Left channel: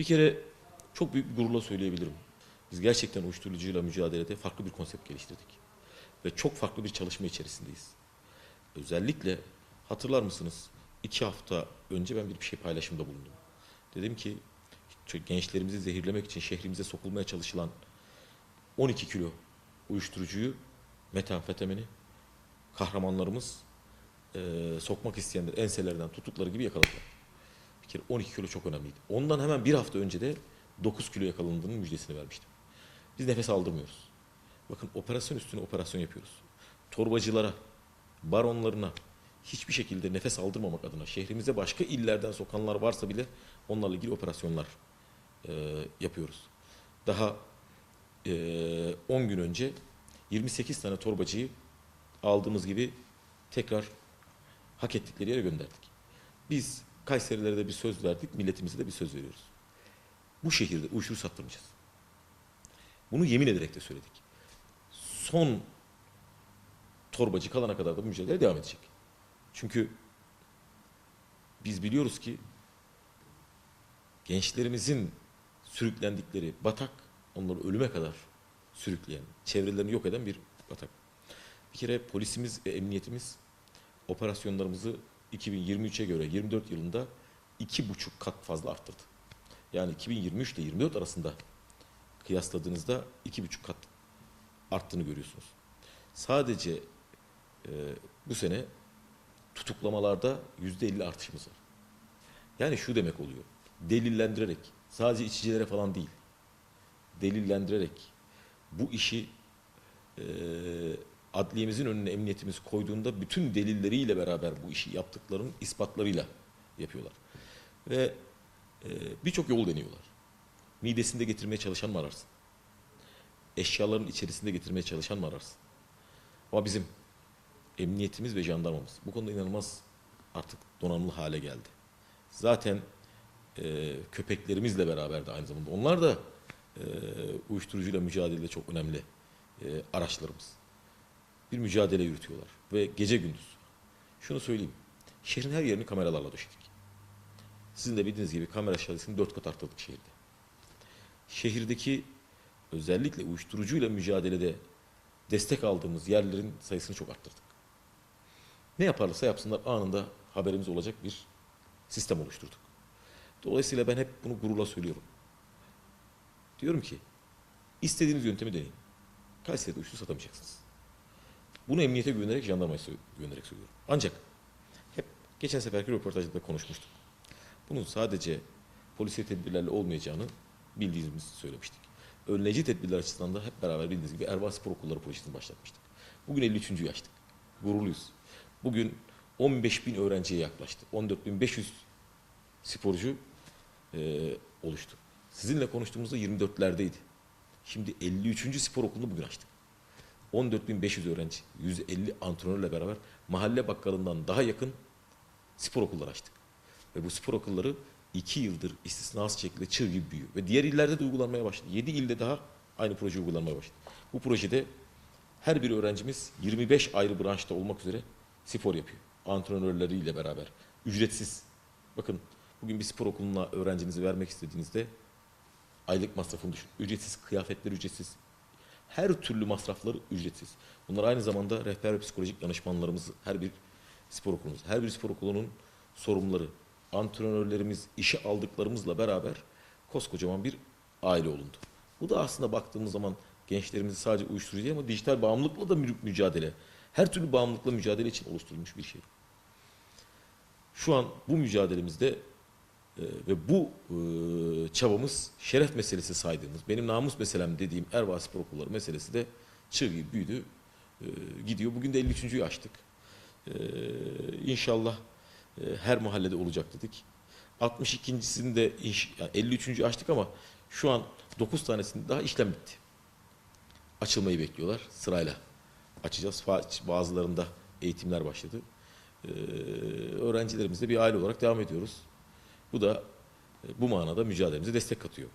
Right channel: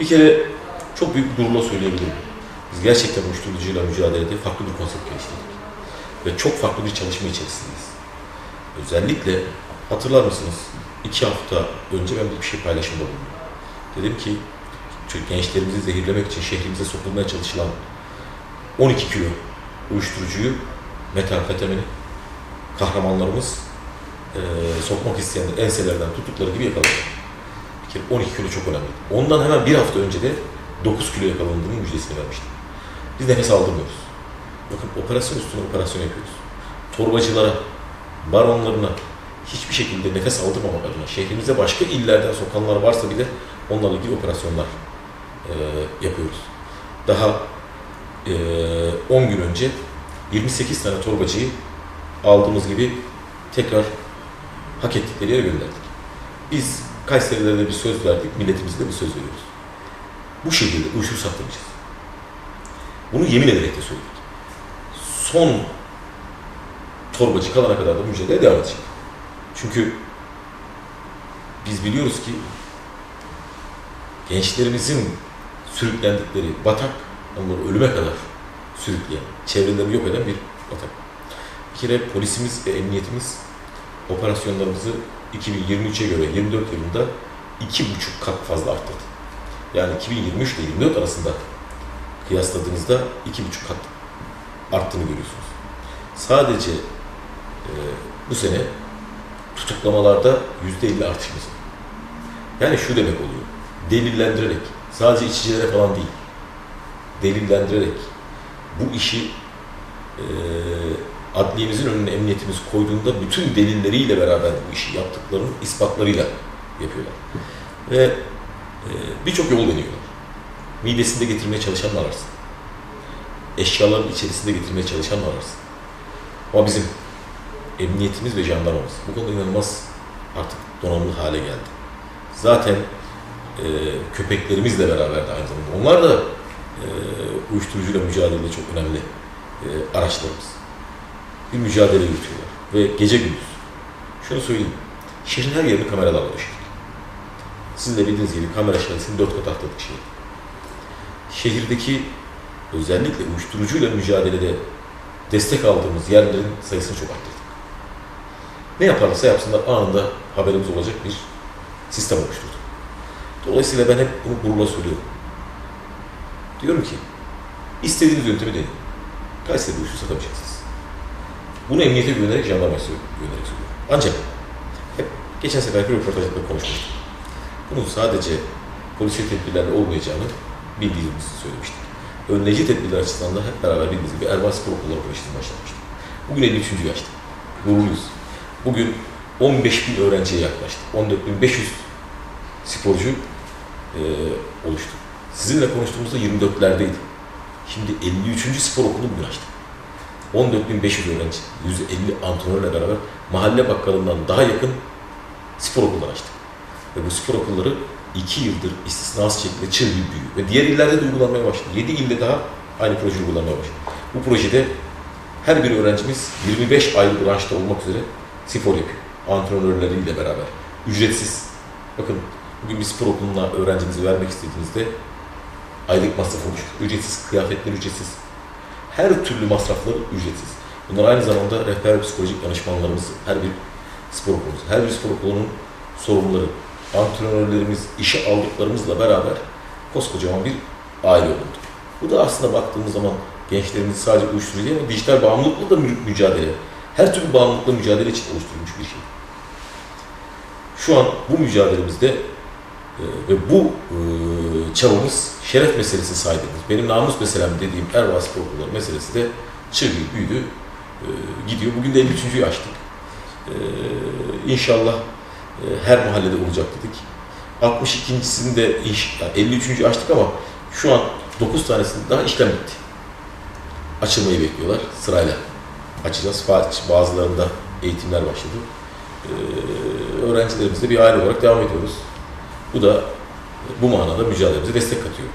Bir kere çok büyük bir durumla söyleyebilirim. Biz gerçekten uyuşturucuyla mücadelede farklı bir konsept geliştirdik. Ve çok farklı bir çalışma içerisindeyiz. Özellikle hatırlar mısınız? iki hafta önce ben bir şey paylaşımda bulundum. Dedim ki Türk gençlerimizi zehirlemek için şehrimize sokulmaya çalışılan 12 kilo uyuşturucuyu, metamfetamini kahramanlarımız eee sokmak isteyenler enselerden tuttukları gibi yakaladılar. Bir kere 12 kilo çok önemli. Ondan hemen bir hafta önce de 9 kilo yakalandığının müjdesini vermiştim. Biz nefes aldırmıyoruz. Bakın operasyon üstüne operasyon yapıyoruz. Torbacılara, baronlarına hiçbir şekilde nefes aldırmamak adına şehrimize başka illerden sokanlar varsa bile onlarla ilgili operasyonlar eee, yapıyoruz. Daha eee, 10 gün önce 28 tane torbacıyı aldığımız gibi tekrar hak ettikleri yere gönderdik. Biz Kayserilere bir söz verdik, milletimize de bir söz veriyoruz. Bu şekilde uyuşturucu satmayacağız. Bunu yemin ederek de söyledik. Son torbacı kalana kadar da mücadele devam edecek. Çünkü biz biliyoruz ki gençlerimizin sürüklendikleri batak, onları ölüme kadar sürükleyen, çevrelerini yok eden bir batak. Bir kere polisimiz ve emniyetimiz operasyonlarımızı 2023'e göre 24 yılında iki buçuk kat fazla arttırdı. Yani 2023 ile 24 arasında kıyasladığınızda iki buçuk kat arttığını görüyorsunuz. Sadece e, bu sene tutuklamalarda yüzde elli artışımız var. Yani şu demek oluyor. Delillendirerek, sadece içicilere falan değil, delillendirerek bu işi e, adliyemizin önüne emniyetimiz koyduğunda bütün delilleriyle beraber bu işi yaptıklarının ispatlarıyla yapıyorlar. Ve e, birçok yol deniyorlar. Midesinde getirmeye çalışanlar ararsın. Eşyaların içerisinde getirmeye çalışanlar ararsın. Ama bizim emniyetimiz ve jandarmamız bu konuda inanılmaz artık donanımlı hale geldi. Zaten e, köpeklerimizle beraber de aynı zamanda onlar da e, uyuşturucuyla mücadelede çok önemli e, araçlarımız. Bir mücadele yürütüyorlar ve gece gündüz. Şunu söyleyeyim, şehrin her yerini kameralarla döşedik. Sizin de bildiğiniz gibi kamera şahesini dört kat arttırdık şehir. Şehirdeki özellikle uyuşturucuyla mücadelede destek aldığımız yerlerin sayısını çok arttırdık. Ne yaparlarsa yapsınlar anında haberimiz olacak bir sistem oluşturduk. Dolayısıyla ben hep bunu gururla söylüyorum. Diyorum ki, istediğiniz yöntemi deneyin. Kayseri uyuşturucu satamayacaksınız. Bunu emniyete güvenerek, söylüyorum, güvenerek söylüyorum. Ancak hep geçen seferki röportajda konuşmuştuk. Bunun sadece polisiye tedbirlerle olmayacağını bildiğimizi söylemiştik. Önleyici tedbirler açısından da hep beraber bildiğiniz gibi Erbaş Spor Okulları Projesi'ni başlatmıştık. Bugün 53. yaşta. Gururluyuz. Bugün 15 bin öğrenciye yaklaştık. 14.500 sporcu e, oluştu. Sizinle konuştuğumuzda 24'lerdeydi. Şimdi 53. spor okulunu bugün açtık. 14.500 öğrenci, 150 antrenörle beraber mahalle bakkalından daha yakın spor okulları açtık. Ve bu spor okulları 2 yıldır istisnasız şekilde çığ gibi büyüyor. Ve diğer illerde de uygulanmaya başladı. 7 ilde daha aynı proje uygulanmaya başladı. Bu projede her bir öğrencimiz 25 aylık branşta olmak üzere spor yapıyor. Antrenörleriyle beraber. Ücretsiz. Bakın bugün bir spor okuluna öğrencinizi vermek istediğinizde aylık masrafı ücretsiz, kıyafetler ücretsiz. Her türlü masrafları ücretsiz. Bunlar aynı zamanda rehber psikolojik danışmanlarımız, her bir spor okulumuz, her bir spor okulunun sorumluları, antrenörlerimiz, işe aldıklarımızla beraber koskocaman bir aile oldu. Bu da aslında baktığımız zaman gençlerimizi sadece uyuşturucu değil ama dijital bağımlılıkla da mü- mücadele, her türlü bağımlılıkla mücadele için oluşturulmuş bir şey. Şu an bu mücadelemizde ve bu e, çabamız şeref meselesi sahibidir. Benim namus meselem dediğim Spor Okulları meselesi de çığ büyüdü, e, gidiyor. Bugün de 53.'yü açtık. E, inşallah e, her mahallede olacak dedik. 62.sini de yani 53. açtık ama şu an 9 tanesinde daha işlem bitti. Açılmayı bekliyorlar sırayla. Açacağız. Bazılarında eğitimler başladı. Ee, öğrencilerimizle bir aile olarak devam ediyoruz. Bu da bu manada mücadelemize destek katıyor.